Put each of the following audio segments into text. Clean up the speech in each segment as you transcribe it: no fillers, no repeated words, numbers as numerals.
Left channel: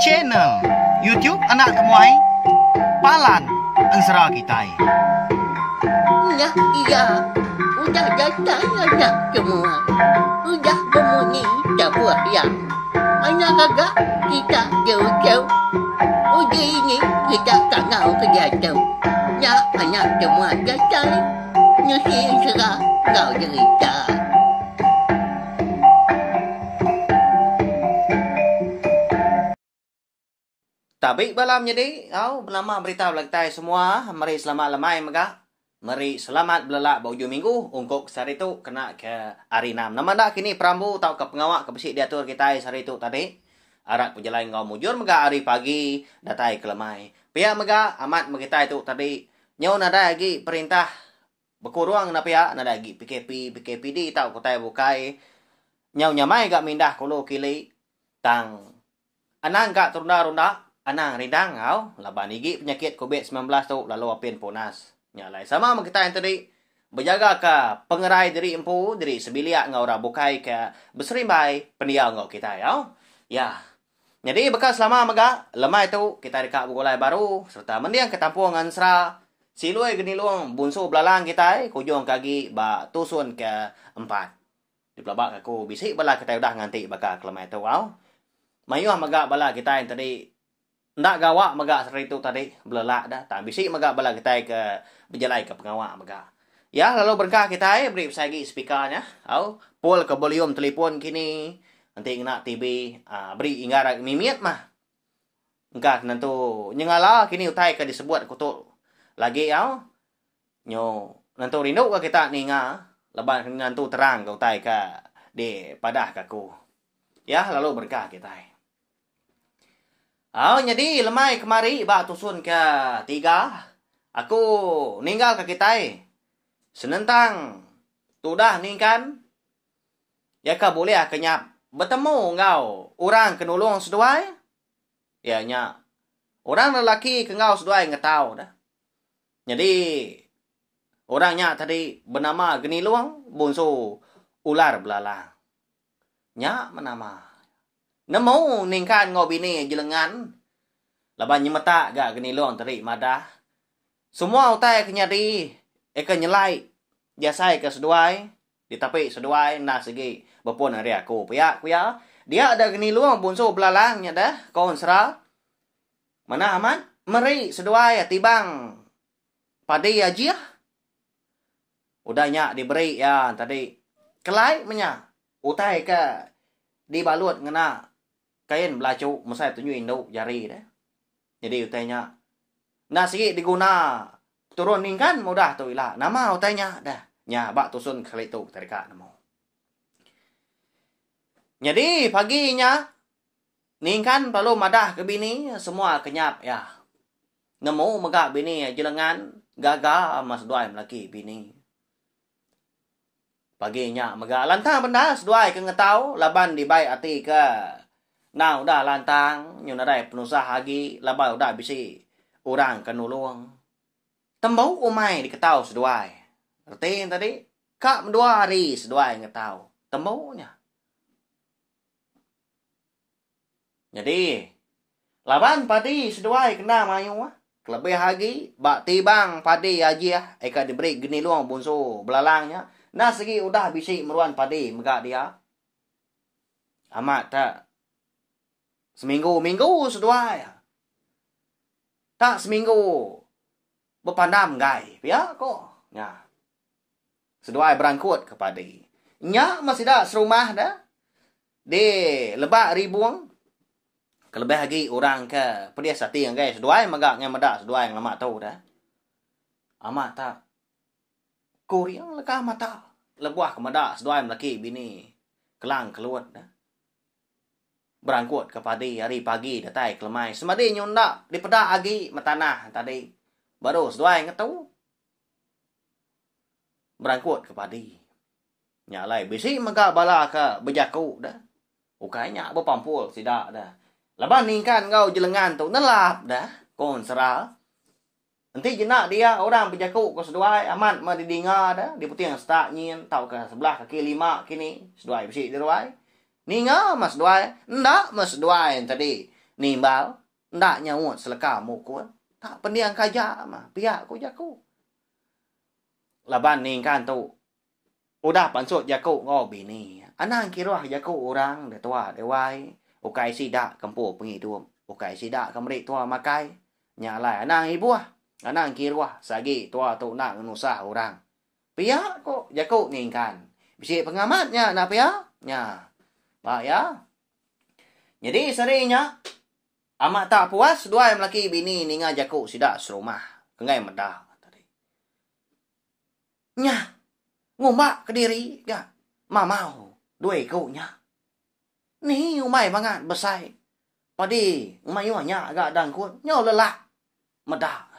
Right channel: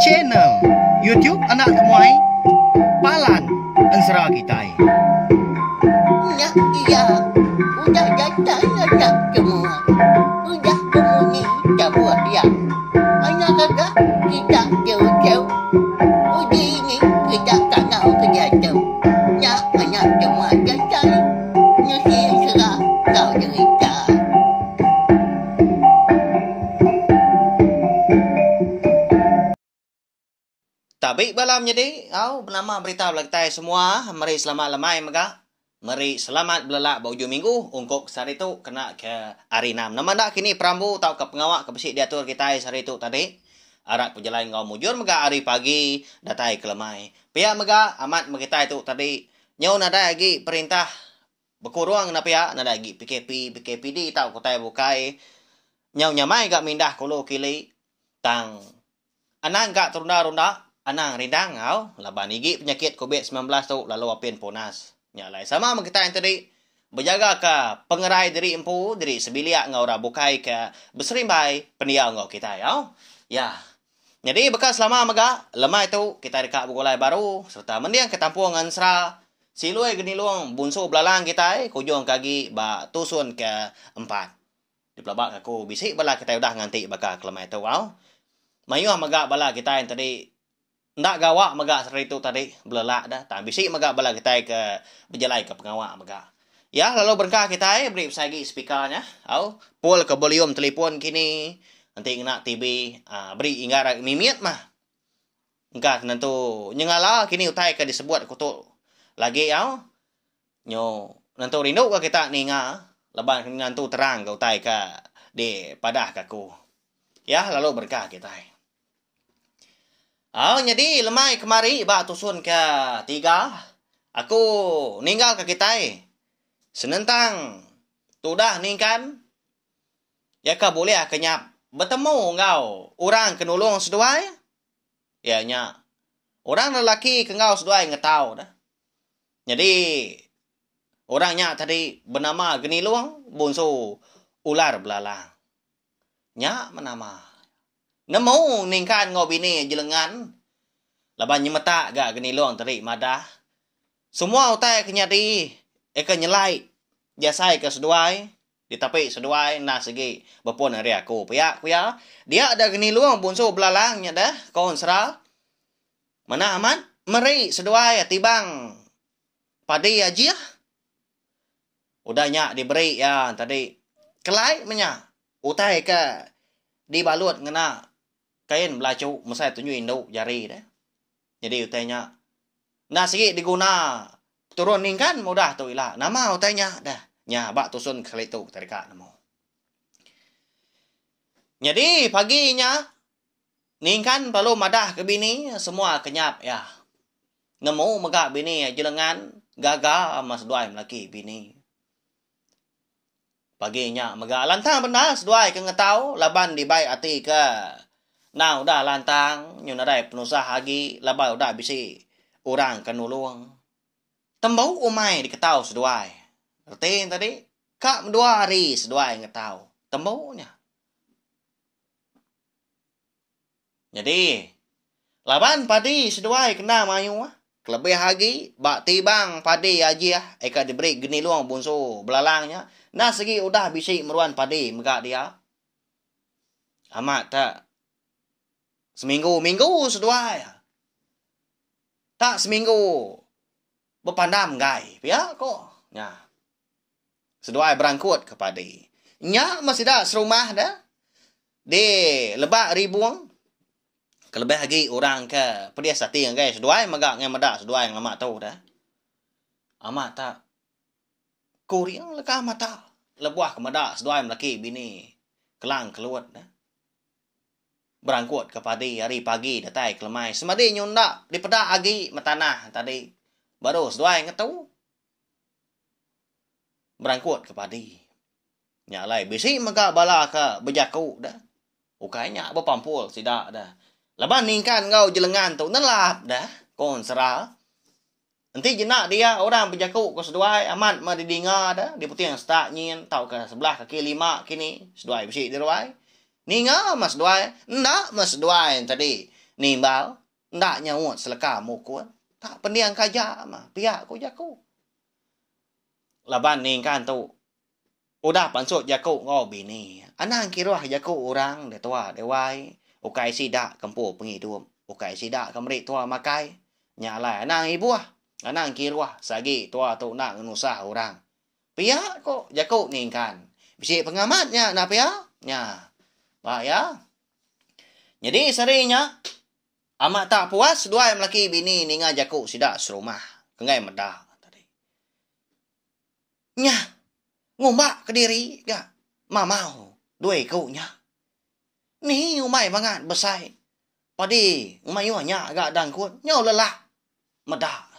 channel YouTube anak temuai Palan Ensera Kitai. Nah, iya, udah datang anak semua. Udah berbunyi sebuah yang anak kakak kita jauh-jauh. Uji ini kita tak tahu kejatuh. Ya, anak semua datang. Nusi serah kau cerita. Tabi balam jadi, bernama berita belaktai semua. Mari selamat lemai mega. Mari selamat belak baju minggu. Ungkuk sehari itu kena ke hari 6. Nama dak kini perambu tau ke pengawak ke besik diatur kita sehari itu tadi. Arak perjalanan ngau mujur mega hari pagi datai ke lemai. Pihak mega amat kita itu tadi. Nyau nada lagi perintah berkurang na pihak nada lagi PKPD tau kotai bukai. Nyau nyamai gak mindah kulo kili tang anang gak terunda-runda. Anang rindang laban igi penyakit COVID-19 tu lalu apin ponas. Nyalai sama kita yang tadi berjaga ke pengerai diri empu diri sebiliak ngau rabukai ke berserimbai pendiau ngau kita ya. Jadi bekas lama mega lemai tu kita dekat bugolai baru serta mendiang ke tampung Ensera silui geni luang bunsu belalang kita kujung kaki ba tusun ke 4. Di pelabak aku bisik bala kita udah nganti baka lemai tu mayuh mega bala kita yang tadi ndak gawak megak seri itu tadi belelak dah tak bisik megak bala kita ke berjalai ke pengawak megak ya lalu berkah kita beri sagi speakernya pull ke volume telefon kini nanti kena TV beri inggar mimiat mah engkak nentu nyengala kini utai ke disebut kutu lagi nyo nentu rindu ke kita ninga leban nentu terang ke utai ke di padah kaku ya lalu berkah kita jadi lemai kemari bak tusun ke 3. Aku ninggal ke kita. Senentang tudah ningkan. Ya ka boleh kenyap. Bertemu ngau orang kenulung seduai. Ya nya. Orang lelaki ke ngau seduai ngetau dah. Jadi orangnya tadi bernama Geniluang bunsu ular belalang. Nya menama. Nemu ningkan ngau bini jelengan. Laban nyemeta gak geni luang teri madah. Semua utai kenyadi. Eka nyelai. Jasai ke seduai. Ditapi seduai. Nah segi. Bapun hari aku. Piak. Dia ada geni luang bunsu belalangnya dah. Kau Ensera. Mana aman? Meri seduai tibang. Padi aja. Udahnya diberi ya tadi. Kelai menya. Utai ke. Dibalut ngena. Kain belacu mesai tunjuk induk jari dah. Jadi utainya nah sikit diguna turun ningkan mudah tu ilah. Nama utainya dah. Nya bak tusun kali tu terika nama. Jadi paginya ningkan perlu madah ke bini semua kenyap ya. Nemu megak bini jelengan gaga mas duai lelaki bini. Paginya megak lantang benda seduai ke ngetau laban dibai ati ke. Nah, udah lantang, nyuna dai penusah lagi, labah udah bisi orang kenulung. Tembau umai diketau seduai. Ngerti tadi? Kak 2 hari seduai ngetau. Tembaunya. Jadi, laban padi seduai kena mayu. Kelebih lagi, bak tibang padi aja. Eka diberi geni luang bunsu belalangnya. Nah, segi udah bisi meruan padi megak dia. Amat tak. Seminggu seduai. Tak seminggu. Berpandam gai. Ya kok. Ya. Seduai berangkut kepada. Nya masih dah serumah dah. Di lebak ribuang. Kelebih lagi orang ke. Pedia sati yang gai. Seduai megak yang medak. Seduai yang lama tahu dah. Amat tak. Kuriang lekah mata. Lebuah ke medak. Seduai melaki bini. Kelang keluar dah. Berangkut kepada hari pagi datai kelemai. Semadi nyondak di pedak agi metanah tadi. Baru seduai ngetau. Berangkut kepada. Nyalai bisi megak bala ke berjaku dah. Ukainya berpampul sidak dah. Laban ningkan ngau jelengan tu nelap dah. Kau Ensera. Nanti jenak dia orang berjaku ke seduai amat madidinga dah. Di putih yang setak nyin tau ke sebelah kaki 5 kini. Seduai bisi diruai. Ninga mas duai. Ndak mas duai tadi. Nimbal. Ndak nyawut seleka mukul. Tak pendiang kaja mah. Pihak ko jaku. Laban ningkan tu. Udah pansut jaku ngo bini. Anang kiruah jaku orang de tua de wai. Ukai sidak kempo pengidum. Ukai sidak kemrik tua makai. Nyalai anang ibuah. Anang kiruah sagi tua tu nak nusah orang. Pihak ko jaku ningkan. Bisi pengamatnya nak pihak. Nya. Pak ya. Jadi serinya amat tak puas dua yang laki bini ninga jaku sidak serumah. Kengai medah tadi. Nya. Ngombak ke diri gak mamau dua ikunya. Ni umai bangat besai. Padi umai nya agak dangkut. Nyo lelak. Medah.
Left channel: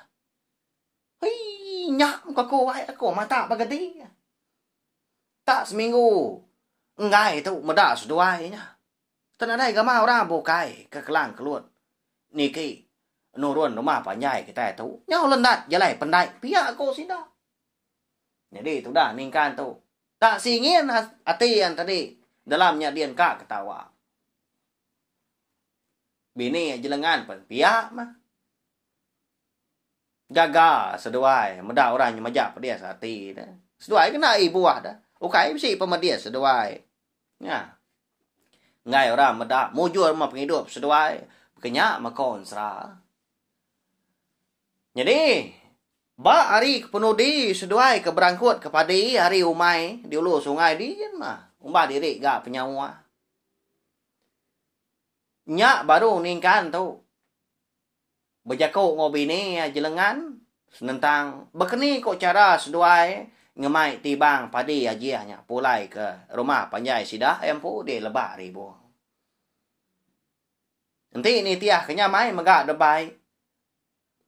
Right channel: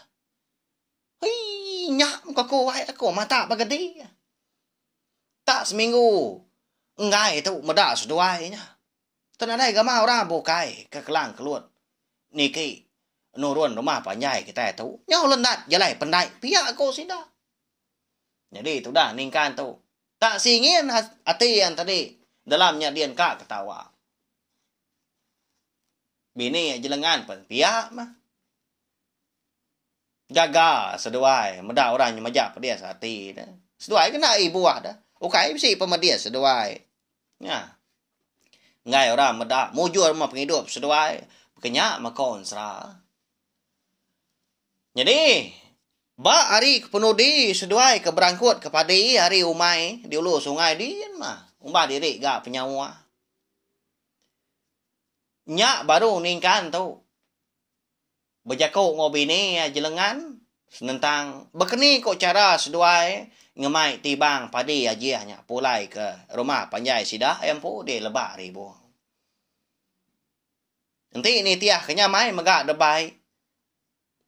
Hei nyak muka ko wai aku mata bagadi. Tak seminggu. Enggak itu medah seduainya. Tenadai gama orang bukai ke kelang keluar. Niki nurun rumah panjai kita itu. Nyo lendat jalai pendai. Pihak aku sidak. Jadi itu dah ningkan tu. Tak singin hati yang tadi. Dalamnya dia kak ketawa. Bini jelengan pun. Pihak mah. Jaga seduai. Medah orang yang majak dia hati. Seduai kena ibu dah. Ukai si pemedia seduai. Ya. Ngai orang medah. Mujur rumah penghidup seduai. Kenyak makon serah. Jadi. Ba hari penudi seduai ke berangkut kepada hari umai di ulu sungai di mah umbah diri gak penyawa. Nyak baru ningkan tu. Berjakuk ngobi ni jelengan senentang bekeni kok cara seduai ngemai tibang padi ajiahnya pulai ke rumah panjai sidah empu di lebak ribu. Nanti ini tiah kenyamai megak debai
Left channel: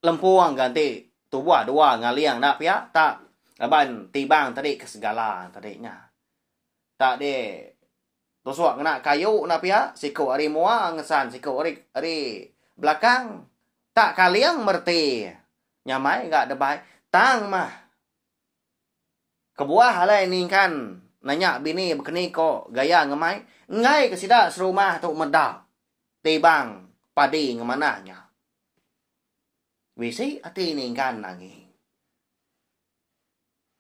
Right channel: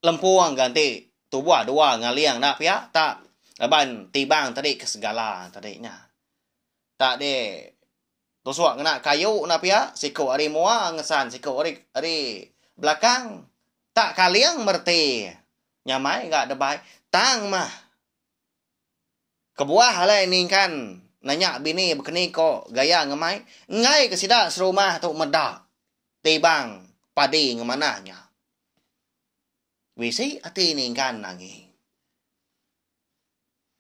lempuang ganti tubuh dua ngaliang nak pihak tak aban tibang tadi ke segala tadinya tak de tosuak kena kayu nak pihak siku ari mua ngesan siku ari belakang tak kaliang merti nyamai enggak debai tang mah kebuah halai ningkan nanya bini bekeni kok gaya ngemai ngai ke sidak serumah tu medak tibang padi ngemananya. Wisi ati ningkan lagi.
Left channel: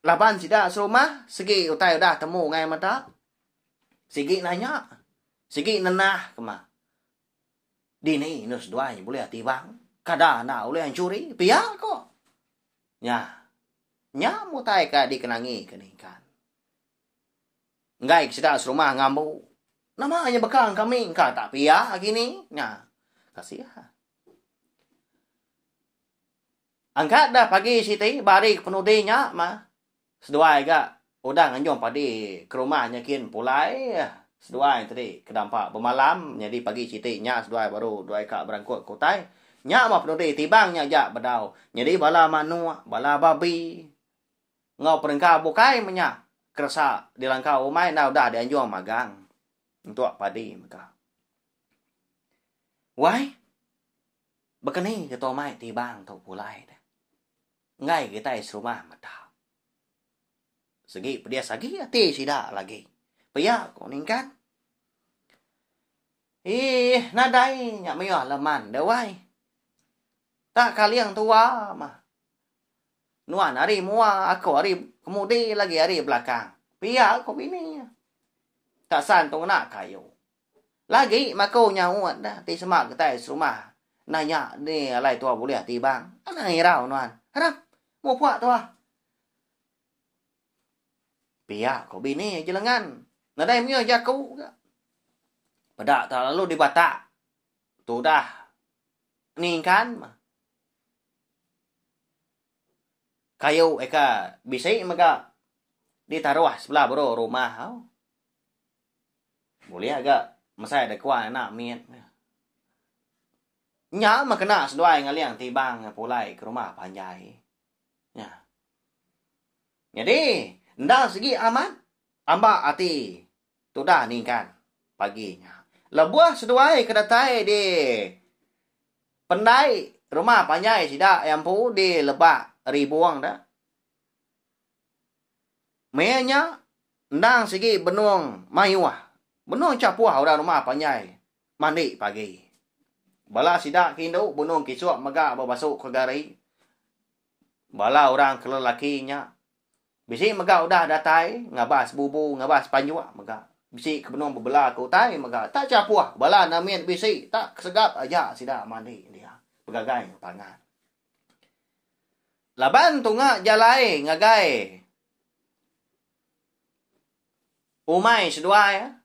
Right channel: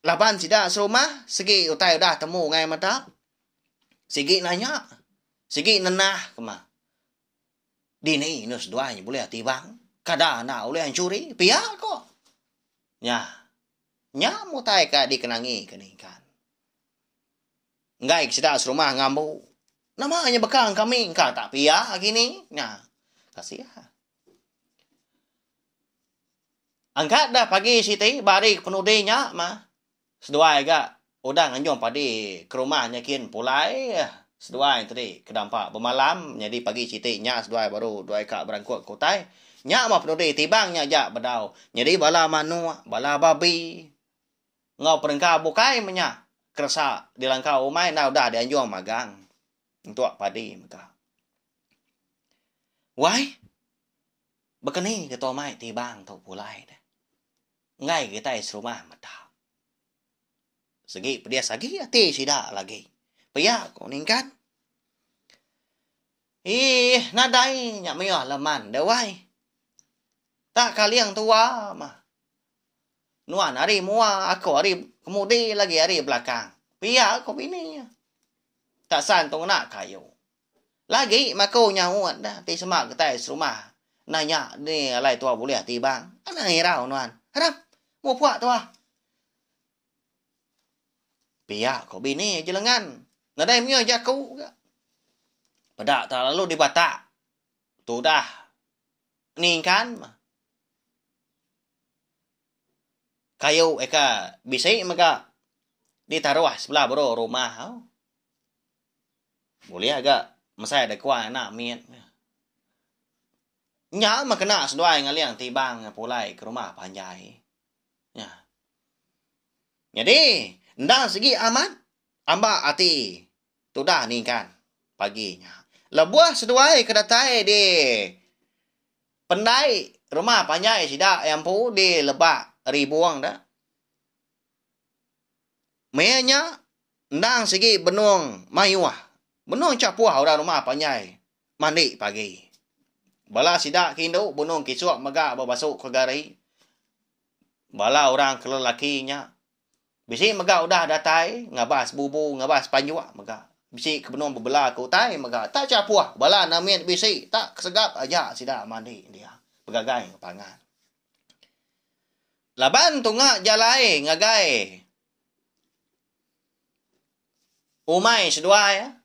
Laban sidak serumah, segi utai udah temu ngai mata. Segi nanya. Segi nenah kema. Dini nus duanya boleh tibang. Kada na boleh curi. Pihak kok. Nya. Nya mutai ka dikenangi keningkan. Ngai sidak serumah ngambu. Namanya bekang kami. Ka tak pihak gini. Nya. Kasihan. Angkat dah pagi siti bari penudinya mah. Seduai gak udang anjong padi ke rumahnya kin pulai. Seduai tadi kedampak bermalam jadi pagi siti nya seduai baru duai kak berangkut kotai. Nya mah penudi tibangnya jak bedau. Jadi bala manua, bala babi. Ngau perengkau bukai menya. Kerasa di langkau umai nah udah dianjong magang. Untuk padi maka. Wai. Bekeni ketua mai tibang tu pulai dah. Ngai kita serumah mata. Segi pedia sagi hati sidak lagi. Paya kau ningkat. Nadai nyak meyah leman dewai. Tak kaliang tua mah. Nuan hari mua aku hari kemudi lagi hari belakang. Paya kau bini. Tak santung nak kayu. Lagi mako nyawat dah ti semak kita serumah. Nanya ni alai tua boleh tibang. Ana hirau nuan. Harap mau puak tu ah. Pihak kau bini jelengan. Ngadai mio jaku. Pedak tak lalu dibatak. Tu dah. Ningkan. Kayu eka bisik maka ditaruh sebelah bro rumah. Boleh agak masai ada kuah nak miet. Nya mah kena seduai ngaliang tibang pulai ke rumah panjai. Ya. Jadi, ndang segi aman, amba ati. Tu dah ni kan paginya. Lebuah seduai kedatai di pendai rumah panjai sidak yang pu di lebak ribuang dah. Menya ndang segi benung mayuah Benung capuah orang rumah panyai. Mandi pagi. Bala sidak kindu benung kisuak megak babasuk ke gari. Bala orang kelelakinya. Bisi megak udah datai, ngabas bubu, ngabas panjuak megak. Bisi ke benung bebelah ku tai megak. Tak capuah. Bala namin bisi tak kesegap aja sidak mandi dia. Pegagai pangan. Laban tunga jalai ngagai. Umay seduai.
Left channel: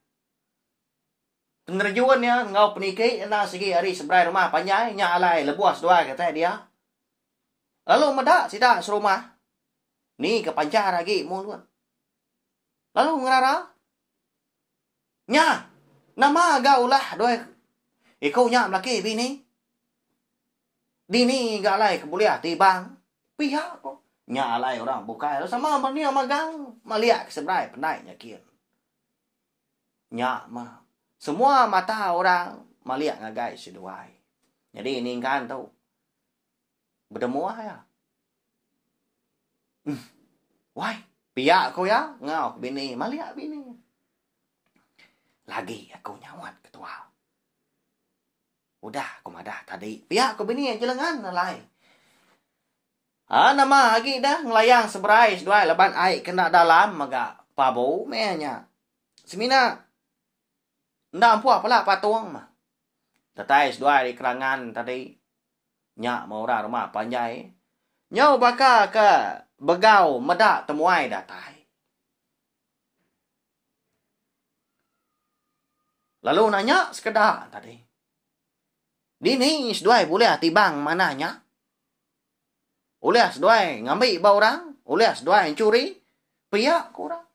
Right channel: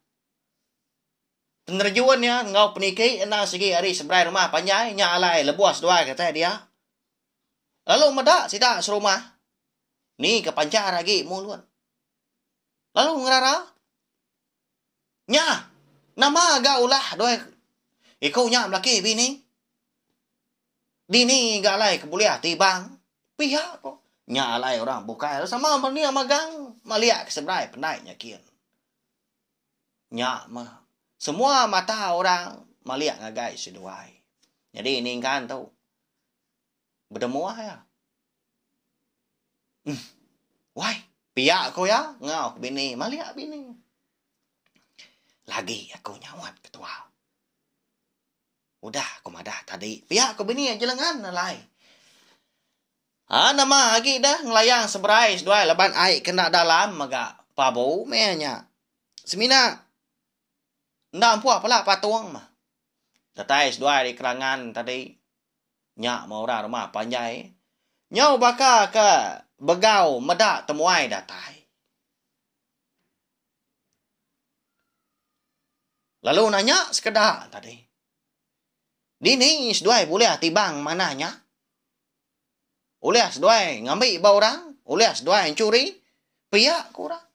Penerjuannya ngau peniki ena segi hari sebrai rumah panjai nya alai lebuas seduai kata dia. Lalu medak sidak serumah. Ni ke pancar lagi mulut. Lalu ngerara. Nya. Nama agak ulah doi. Ikau nya melaki bini. Dini galai kebuliah tibang. Pihak kok. Nya alai orang bukai. Sama mania magang. Maliak sebrai penai nyakin. Nya mah. Semua mata orang maliak ngagai seduai. Jadi ini kan tahu. Berdemuah ya. Why? Pihak ko ya. Ngau bini. Maliak bini. Lagi aku nyawat ketua. Udah aku madah tadi. Pihak ko bini yang jelengan nalai. Nama lagi dah ngelayang seberai seduai leban air kena dalam maga pabau mehnya. Semina. Ndak ampuh apalah patuang mah. Tatai seduai di kerangan tadi. Nyak mau orang rumah panjai. Nyau baka ke begau medak temuai datai. Lalu nanya sekedar tadi. Dini seduai boleh tibang mananya? Oleh seduai ngambil bau orang? Oleh seduai curi? Pihak kurang.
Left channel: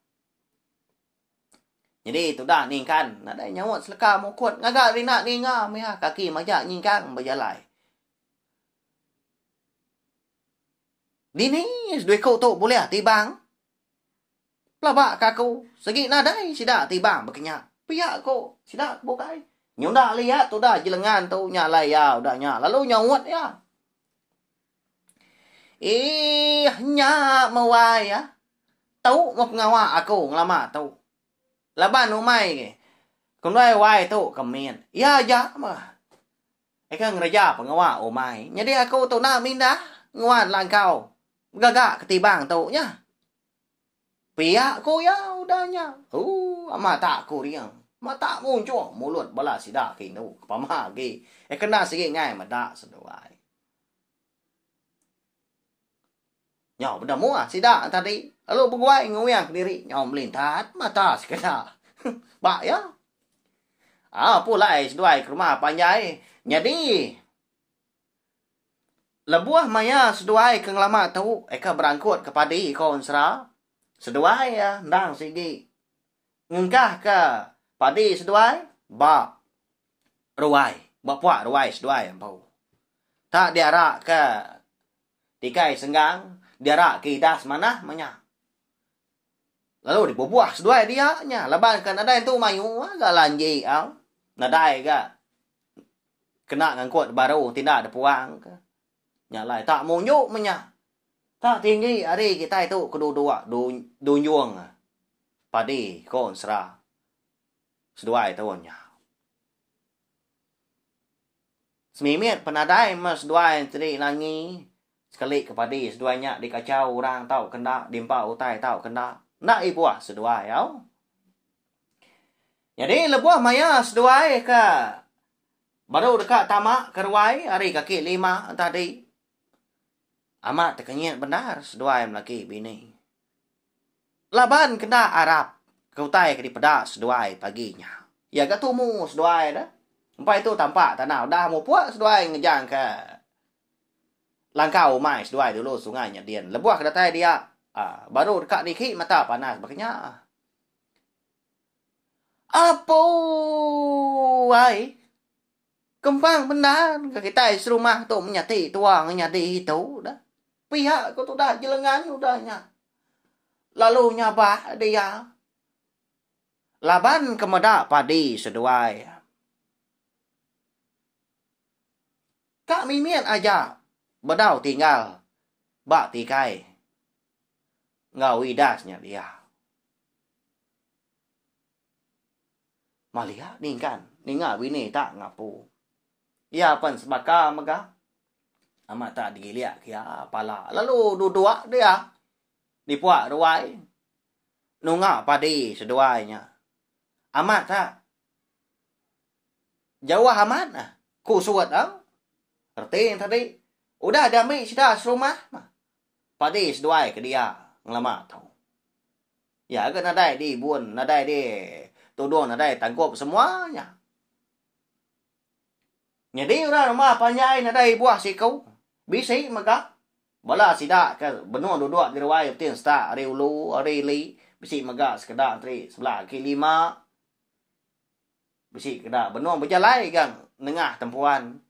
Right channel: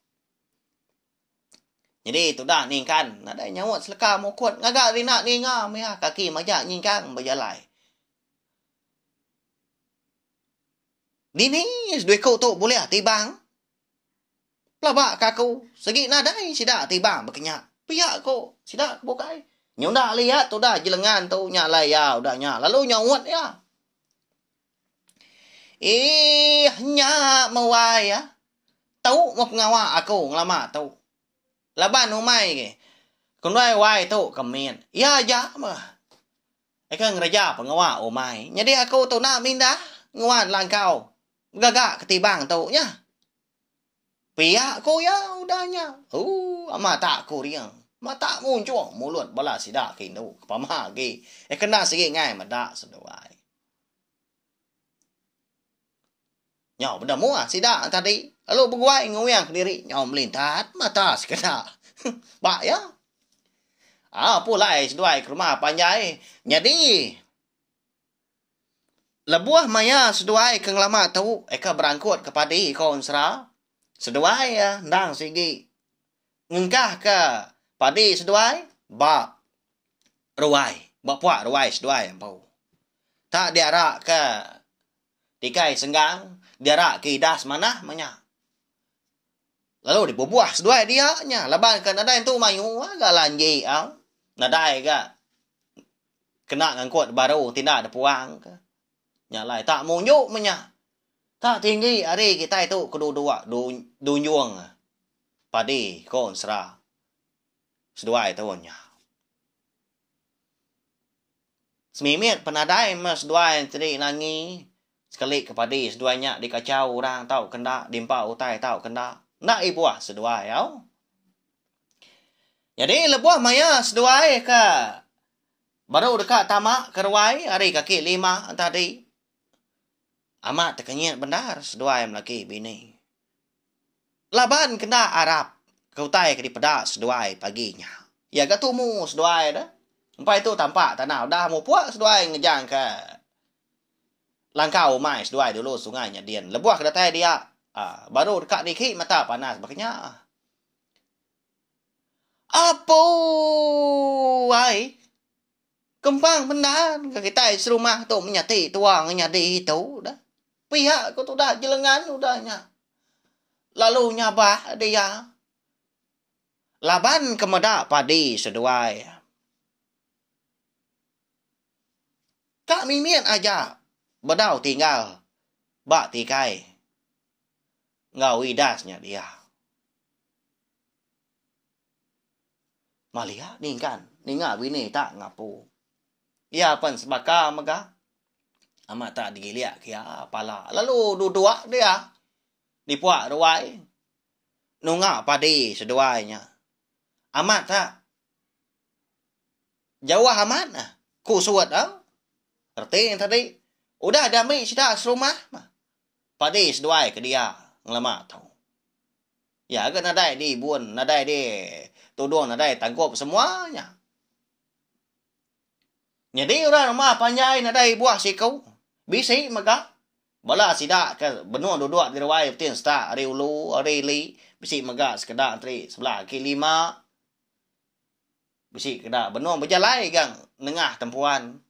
Jadi itu dah ni kan. Ada nyawat seleka mau kuat. Ngagak rina ni ngam ya. Kaki majak ni kan berjalai. Dini seduai kau tu boleh tibang? Pelabak kaku. Segi nadai sidak tibang berkenyak. Pihak kau sidak bukai. Nyau dah lihat tu dah jelengan tu nyalai ya. Udah nyak. Lalu nyawat ya. Nyak mawai ya. Tahu mau pengawak aku ngelama tahu. Laban umay ke. Kung wai tu kamian. Ya aja mah. Eka ngeraja pengawa umay. Jadi aku tu na minda. Nguan lang kau. Gagak ketibang tu nya. Pihak ko ya udahnya. Mata aku riang. Mata muncul mulut bala sidak kindu. Pamah ke. Eka na sige ngai madak seduai. Nyau benda muah sidak tadi. Lalu berguai ngoyang diri. Nyau melintat mata sekedar. Bak ya. Pulai seduai ke rumah panjai. Jadi. Lebuah maya seduai ke ngelama tahu. Eka berangkut kepada ikon serah. Seduai ya. Ndang sigi. Ngengkah ke padi seduai. Bak. Ruai. Bak puak ruai seduai. Tak diarak ke. Tikai senggang. Diarak ke idas mana manya. Lalu dibubuah seduai dia nya. Laban kan nadai tu mayu agak lanji nadai ga. Kena ngangkut baru tidak ada puang ke. Nya lai tak munjuk menya. Tak tinggi hari kita itu kedua-dua dunyuang. Padi kon serah. Seduai tu nya. Semimit penadai mas seduai tadi langi. Sekali kepada seduanya dikacau orang tahu kena dimpa utai tahu kena nak ibuah seduai ya. Jadi lebuah maya seduai ke baru dekat tamak kerwai hari kaki 5 tadi. Amat terkenyit benar seduai melaki bini. Laban kena Arab keutai ke di pedak seduai paginya. Ya ketumu seduai dah. Sampai itu tampak tanah dah mau puak seduai ngejang ke langkau mai seduai dulu sungainya Dian. Lebuah ke datai dia. Baru dekat dikit mata panas. Makanya. Apa? Wai. Kempang benar. Kita serumah tu menyati tuang nyadi itu. Dah. Pihak ku tu dah jelengan udahnya. Lalu nyabah dia. Laban kemedak padi seduai. Kak mimian aja. Bedau tinggal. Bak tikai. Ngau idasnya dia. Malia ningkan. Ninga bini tak ngapu. Ya pan sebaka maga. Amat tak digiliak kia pala. Lalu duduk dia. Dipuak ruai. Nunga padi seduainya. Amat tak. Jauh amat nah. Ku suat ah. Erti yang tadi. Udah damai sudah serumah. Padi seduai ke dia. Ngelamat tau. Ya kan nadai di buan. Nadai di tudung. Nadai tangkup semuanya. Jadi orang rumah panjai nadai buah sikau. Bisi maka. Bala sidak ke benua duduk di ruai. Betin start. Ari ulu. Ari li. Bisi maka sekedar antri sebelah kiri 5. Bisi kedak benua berjalai gang. Nengah tempuan.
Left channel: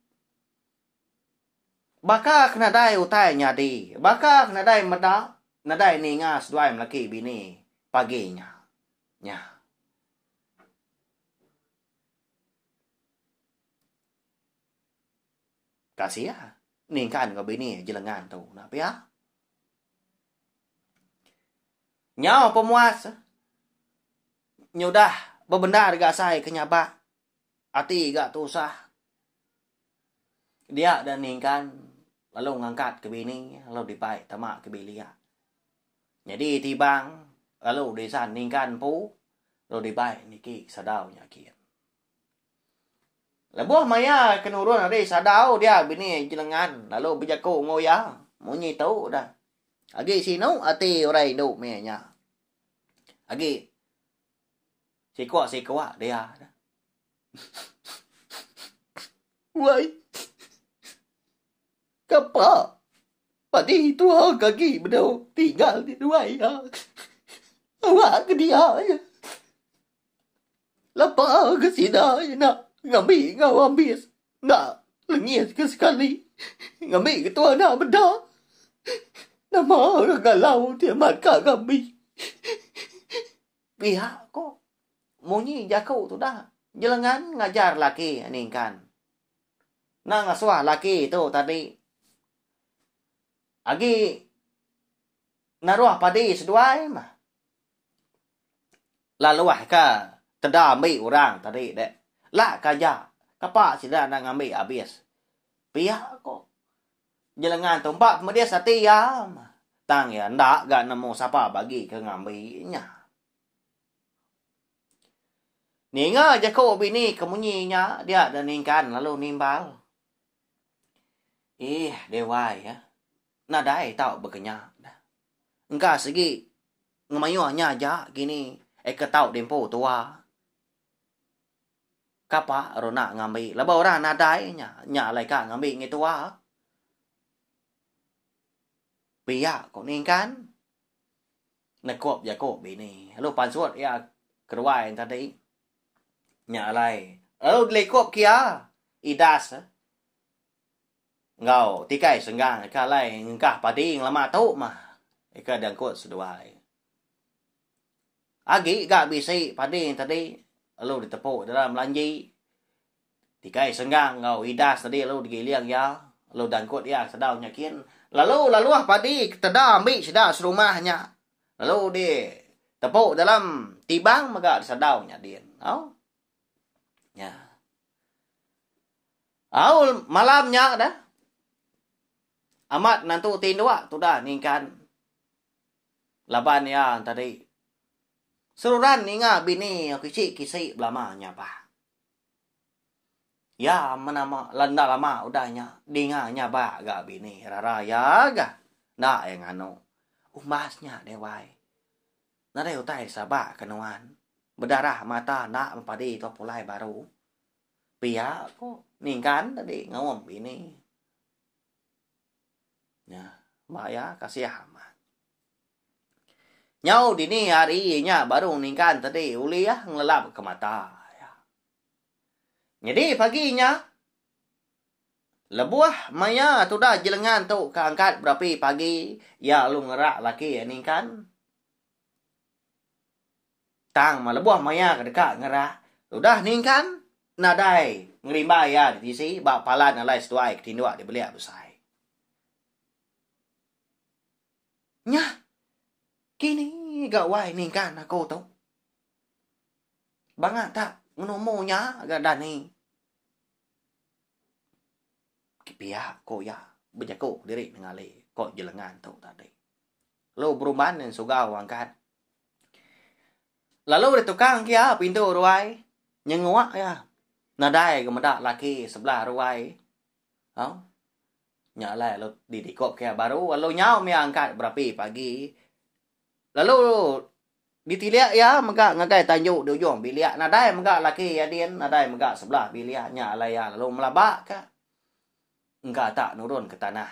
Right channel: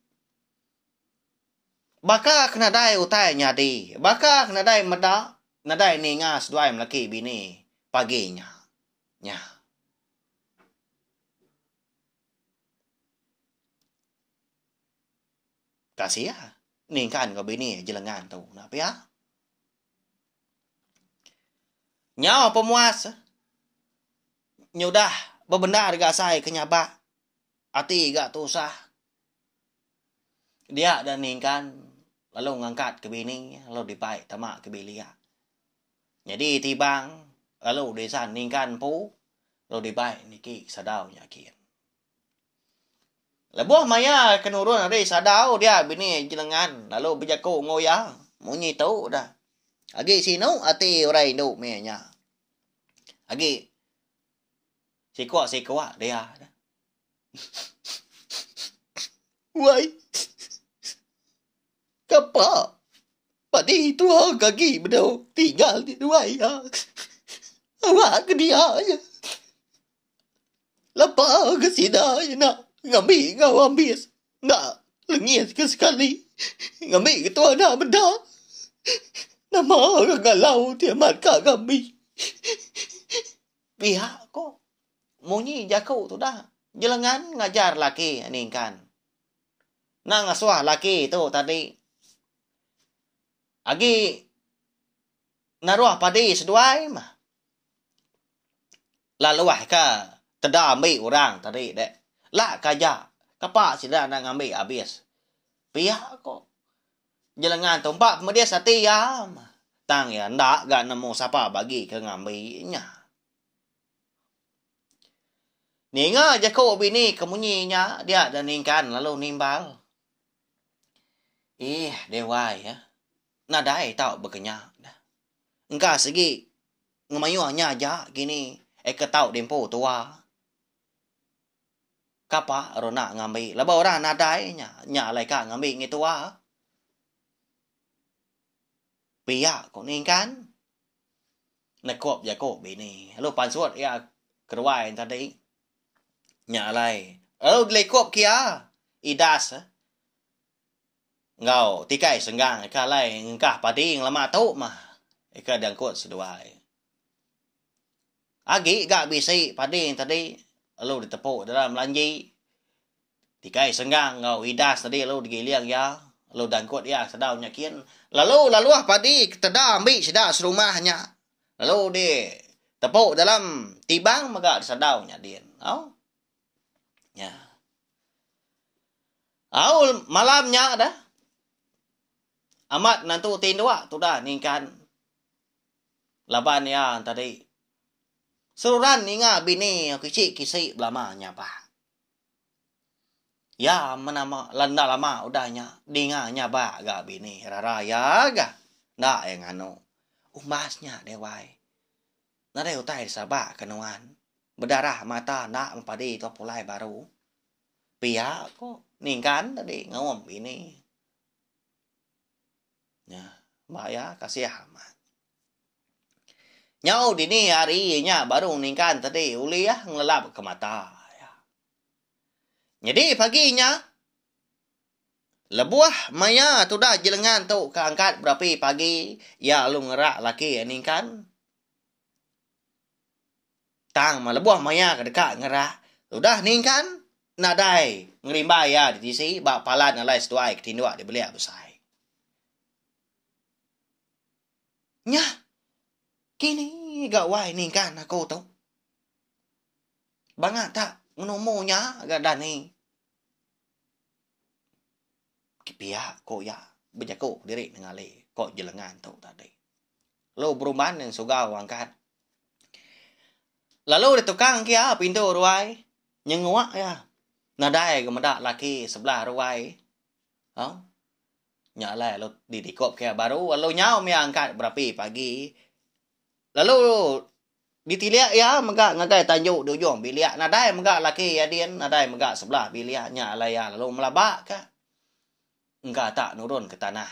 Baka kena dai utai nyadi. Baka kena dai meda. Nadai ni ngas duai melaki bini. Paginya. Nya. Kasih ya. Ni kan kau bini jelengan tu. Nak ya? Nyawa pemuas. Nyudah. Berbenda gak saya kenyabak. Hati gak tusah. Dia dan ningkan. Lalu ngangkat ke bini. Lalu dibaik tamak ke bilia. Jadi tibang. Lalu desan ningkan pu. Lalu dibaik niki sadau nyakin. Lebuah maya kenurun ada sadau dia bini jelengan. Lalu berjaku ngoya. Munyi tahu dah. Agi sinu hati orang Indo menya. Agi. Sikuak dia. Wai. Kapa? Padi tua kaki bedau tinggal di luai ya. Awak ke dia aja. Lapa ke sida ya nak. Ngambil ngau ambis. Nak lengis ke sekali. Ngambil ketua nak benda. Nama orang galau dia mat kak ngambil. Pihak kok. Munyi jaku tu dah. Jelengan ngajar laki ni kan. Nak ngasuh laki tu tadi. Agi naruh padi seduai mah. Lalu ka teda ambil orang tadi dek. Lah kaja. Kapak sida nak ambil habis. Pihak kok. Jelengan tumpak kemudian sati ya. Tang ya ndak gak nemu siapa bagi ke ngambilnya. Ninga jaku bini kemunyinya dia dan ningkan lalu nimbal. Dewai ya. Nadai tau berkenyak. Engkau segi ngemayuhnya aja gini. Ketau dempo tua. Kapa rona ngambil. Laba orang nadai nya. Nya lai ka ngambil ngi tua. Pia kok ningkan. Nekop jakob bini. Lalu pansuat ya kedua yang tadi. Nya lai. Lalu lekop kia. Idas. Ngau tikai senggang ka lai ngkah pading lama tau mah. Ika dangkut seduai. Agi gak bisi pading tadi. Lalu ditepuk dalam lanji. Tikai senggang ngau idas tadi lalu digiliang ya. Lalu dangkut ya sedau nyakin. Lalu padi teda ambil sedau serumahnya. Lalu di tepuk dalam tibang maka sedau nyadin. Ya. Malamnya dah. Amat nantu tindua tu dah ningkan. Laban ya tadi. Seluran ninga bini kecil kisi belamanya pak. Ya menama landa lama udahnya dinganya ba gak bini rara ya ga. Ndak yang anu. Umbasnya dewai. Nada utai sabak kenuan. Berdarah mata nak mempadi tu pulai baru. Pia kok ningkan tadi ngawam bini. Ya, mbak ya kasih amat. Nyau dini harinya baru ningkan tadi uli ya ngelelap ke mata. Ya. Jadi paginya lebuah maya tu dah jelengan tu keangkat berapi pagi ya lu ngerak laki ningkan. Tang ma lebuah maya ke dekat ngerak. Udah ningkan nadai ngerimba ya di sisi bak palan alai setuai ketindua dibeli abusai. Nyah. Kini gak wai ningkan aku tu. Bangat tak Ngenomonya agak dani. Pihak ko ya. Berjako diri ngali. Ko jelengan tu tadi. Lalu perumahan yang sugau angkat. Lalu di tukang kia pintu ruai. Nyengwak ya. Nadai kemudak laki sebelah ruai. Nyalai lalu didikop kia baru. Lalu nyau mi angkat berapi pagi. Lalu ditiliak ya megak ngagai tanjuk di ujung biliak. Nadai megak laki adian. Nadai megak sebelah biliak. Nyalai ya lalu melabak ka. Enggak tak nurun ke tanah.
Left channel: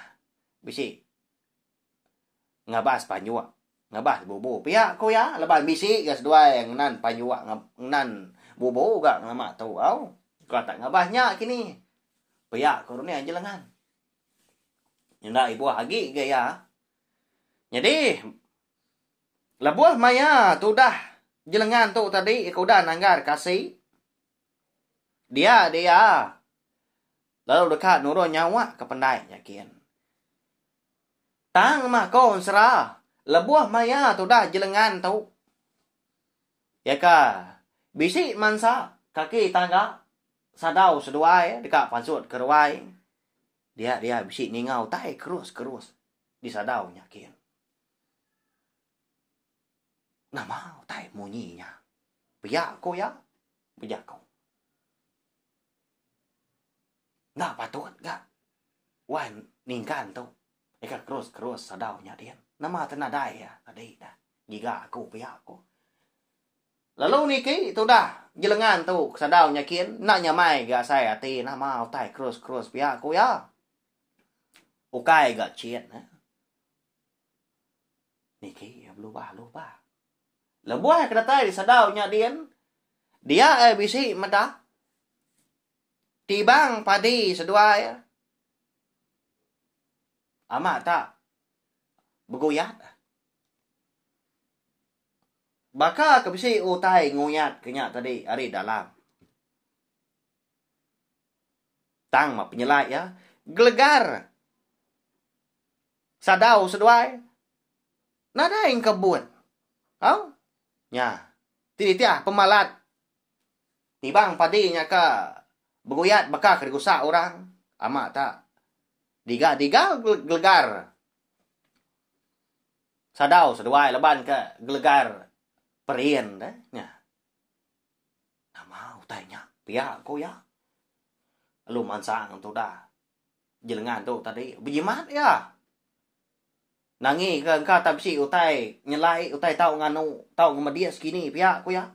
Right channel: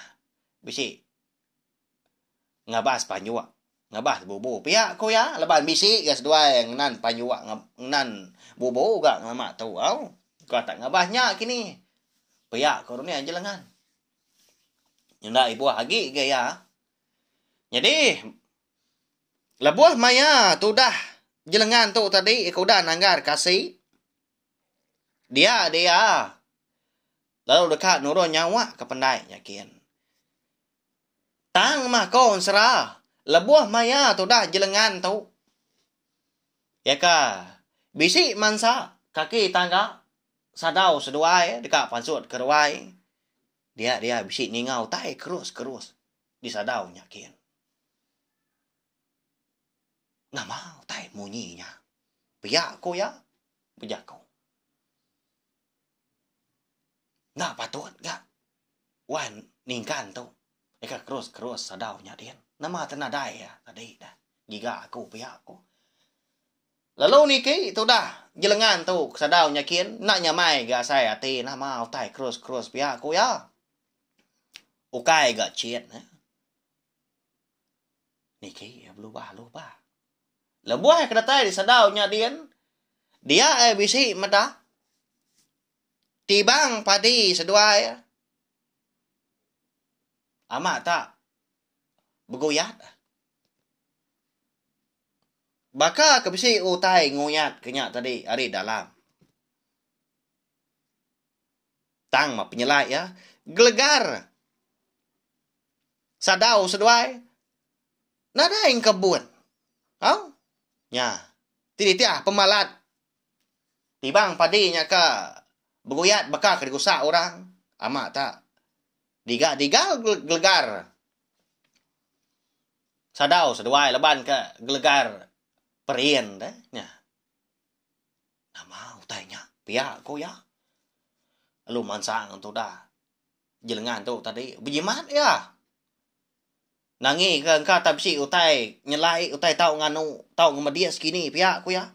Bisik. Ngabas panjuak. Ngabas bubu. Pihak ko ya. Leban bisik gas dua yang nan panjuak. Nan bubu gak ngamak tahu. Kau tak ngabasnya kini. Pihak ko ni aja lengan. Nyenda ibu hagi gaya. Jadi. Lebuah maya tu dah. Jelengan tu tadi. Kau dah nanggar kasih. Dia. Lalu dekat nurun nyawa ke pendai yakin. Tang mah kon serah. Lebuah maya tu dah jelengan tu. Ya ka. Bisik mansa. Kaki tangga. Sadau seduai. Dekat pansut keruai. Dia bisik ningau. Tai kerus. Di sadau yakin. Nama tai munyinya. Biak ko ya. Biak ko. Nggak patut gak. Wan ningkan tu. Eka kerus sadau nyadian. Nama tenadai ya. Tadi dah. Jika aku pihak aku. Lalu niki tu dah. Jelengan tu sadau nyakin. Nak nyamai gak saya hati. Nama utai kerus pihak aku ya. Ukai gak ciet. Niki lupa. Lebuah kedatai di sadau nyadian. Dia bisi medah. Tibang padi seduai. Amat tak bergoyat. Baka kebisi utai ngoyat kenyak tadi hari dalam. Tang mah penyelai ya. Gelegar. Sadau seduai. Nada yang kebun. Ya. Titik pemalat. Tibang padinya ka. Bergoyat baka kedegusak orang. Amat tak. Digal gelegar. Sadau seduai leban ke gelegar perien dah. Ya. Nama utainya. Pihak ko ya. Lu mansang tu dah. Jelengan tu tadi. Berjimat ya. Nangi ke engkau tak besi utai. Nyelai utai tau nganu. Tau ngemadia segini pihak ko ya.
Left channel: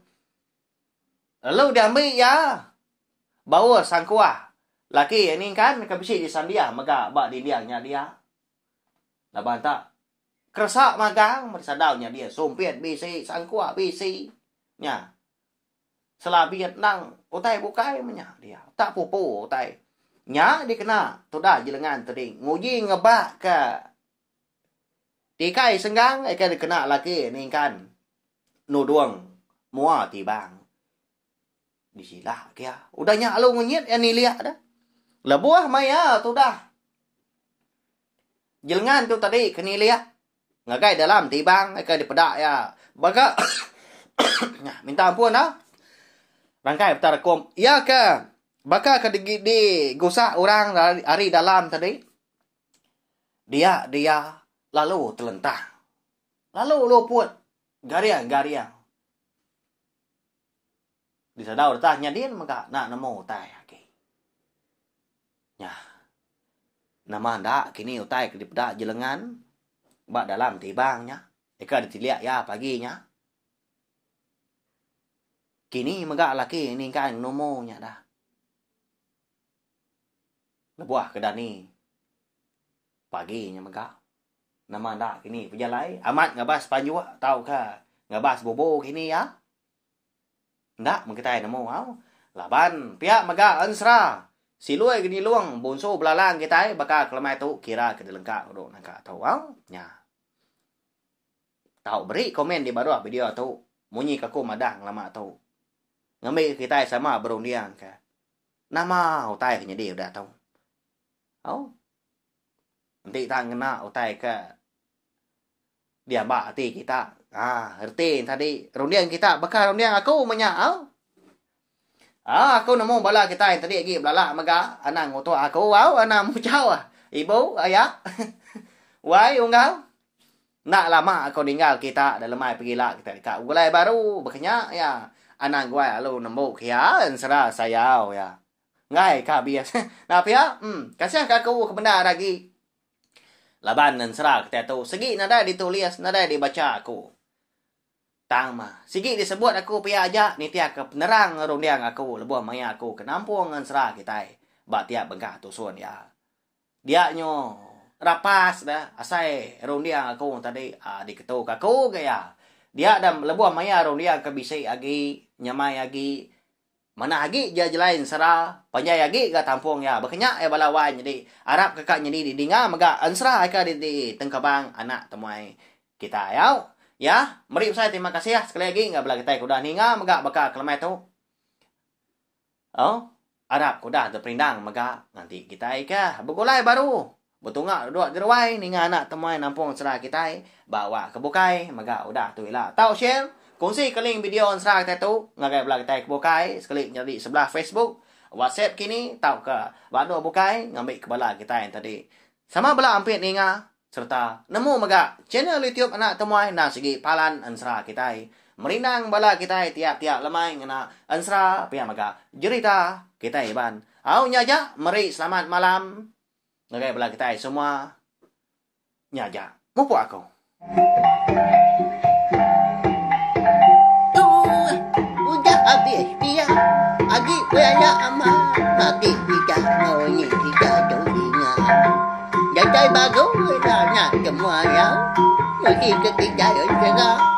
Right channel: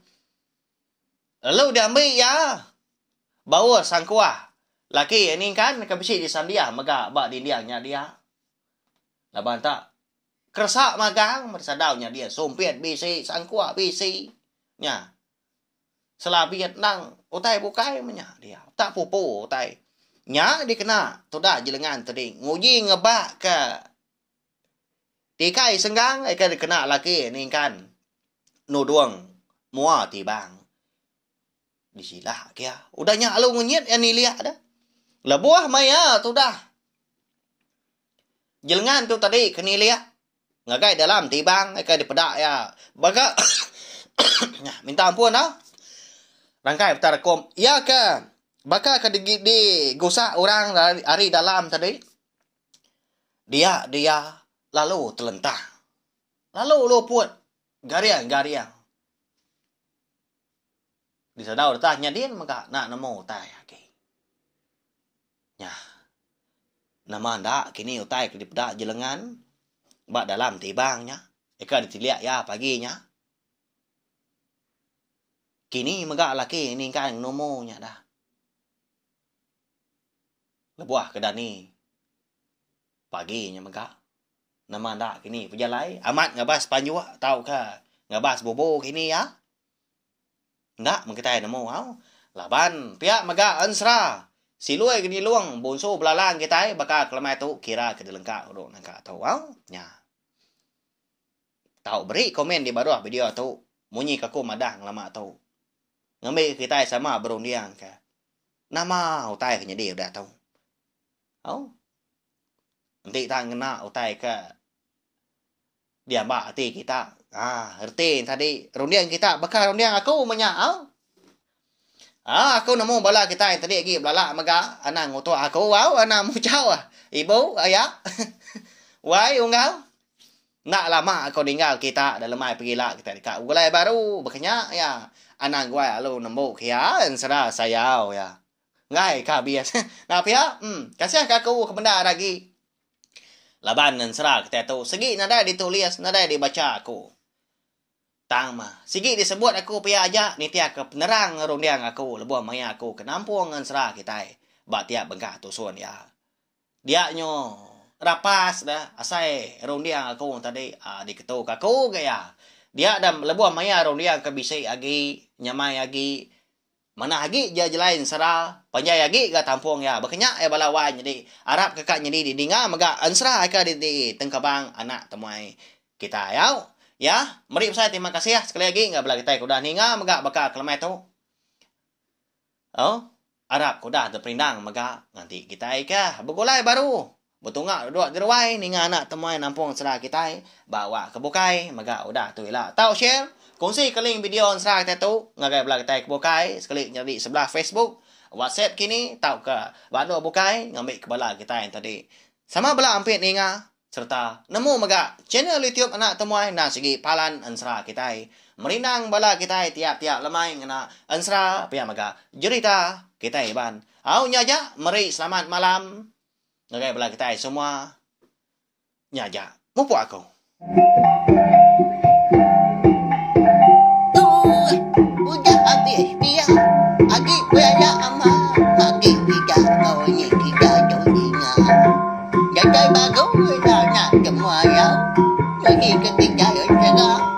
Lalu dia ambil ya. Bawa sang kuah. Laki ini kan kebisi di sandia. Maka bak di diangnya dia. Laban tak. Kersak magang. Mersadaunya dia. Sumpit bisi. Sang kuah bisi. Ya. Selabiat nang. Utai bukai menya dia. Tak pupu utai. Nya dia kena. Tu dah jelengan tadi. Nguji ngebak ke. Tikai senggang. Eka dia kena laki ini kan. Nuduang. Mua tibang. Disilah kia. Udahnya alu ngunyit yang ni lihat dah. Lebuah maya tu dah. Jelengan tu tadi kena lihat. Ngagai dalam tibang. Eka dipedak ya. Baka. Minta ampun dah. Rangkai betara kom. Ya ke. Baka ke di gusak orang hari dalam tadi. Dia. Lalu terlentang. Lalu luput. Gariang. Di sadau datangnya dia maka nak nemu utai. Ya. Nama ndak kini utai ke dipedak jelengan. Bak dalam tibangnya. Eka ditiliak ya paginya. Kini megak laki ini kan nomonya dah. Lebuah ke dani. Paginya megak. Nama ndak kini pejalai. Amat ngabas panjua. Tahu ka. Ngabas bobo kini ya. Ndak mengkitai nemu. Laban pihak megak ansra. Silui gini luang. Bonso belalang kita. Baka kelemai tu kira ke dilengkap. Nangka tahu. Ya. Tahu beri komen di bawah video tu. Munyi kaku madang lama tu. Ngambil kita sama berundian ke. Nama utai kena dia udah tahu. Nanti tak kena utai ke. Dia mbak hati kita. Erti tadi. Rundian kita. Bakal rundian aku menyak. Aku nemu bala kita yang tadi lagi belala maga anang ngoto aku anang mu jauh ibu ayah. Wai unggal. Nak lama aku tinggal kita dalam mai pergi lah kita dekat gulai baru berkenyak ya. Anang gua lu nembuk ya sera sayau ya. Ngai ka bias. Nah pia kasih aku ke benda lagi. Laban dan sera kita tu segi nada ditulis nada dibaca aku. Tang mah. Sigi disebut aku pia aja ni tiap ke penerang rong diang aku lebuh maya aku ke nampung ngan serah kita. Ba tiap bengkah tusun ya. Dia nyo rapas dah asai rong diang aku tadi di ketu aku gaya. Dia dam lebuh maya rong diang ke bisai agi nyamai agi mana agi jelain serah panjai agi ga tampung ya. Bekenya balawan jadi Arab kakak jadi di dinga maga ansra ka di tengkabang anak temuai kita ya. Ya, mari saya terima kasih ya sekali lagi nggak belah kita kuda ninga maga baka kelemai tu. Arab kuda terperindang maga nanti kita ika begulai baru. Betunga dua gerwai ninga anak temuai nampung serah kita bawa ke bukai maga udah tu lah. Tahu share, kongsi ke link video serah kita tu ngagai belah kita ke bukai sekali jadi sebelah Facebook, WhatsApp kini tahu ke bando bukai ngambil ke bala kita yang tadi. Sama belah ampit ninga serta nemu maga channel YouTube anak temuai na segi palan ansra kita merinang bala kita tiap-tiap lemai ngena ansra pia maga jerita kita ban au nyaja mari selamat malam ngagai bala kita semua nyaja mupu aku Udah habis dia agi banyak amat mati tidak ni tidak jadinya jadi bagus nak semua ya. Lagi ketiga ya.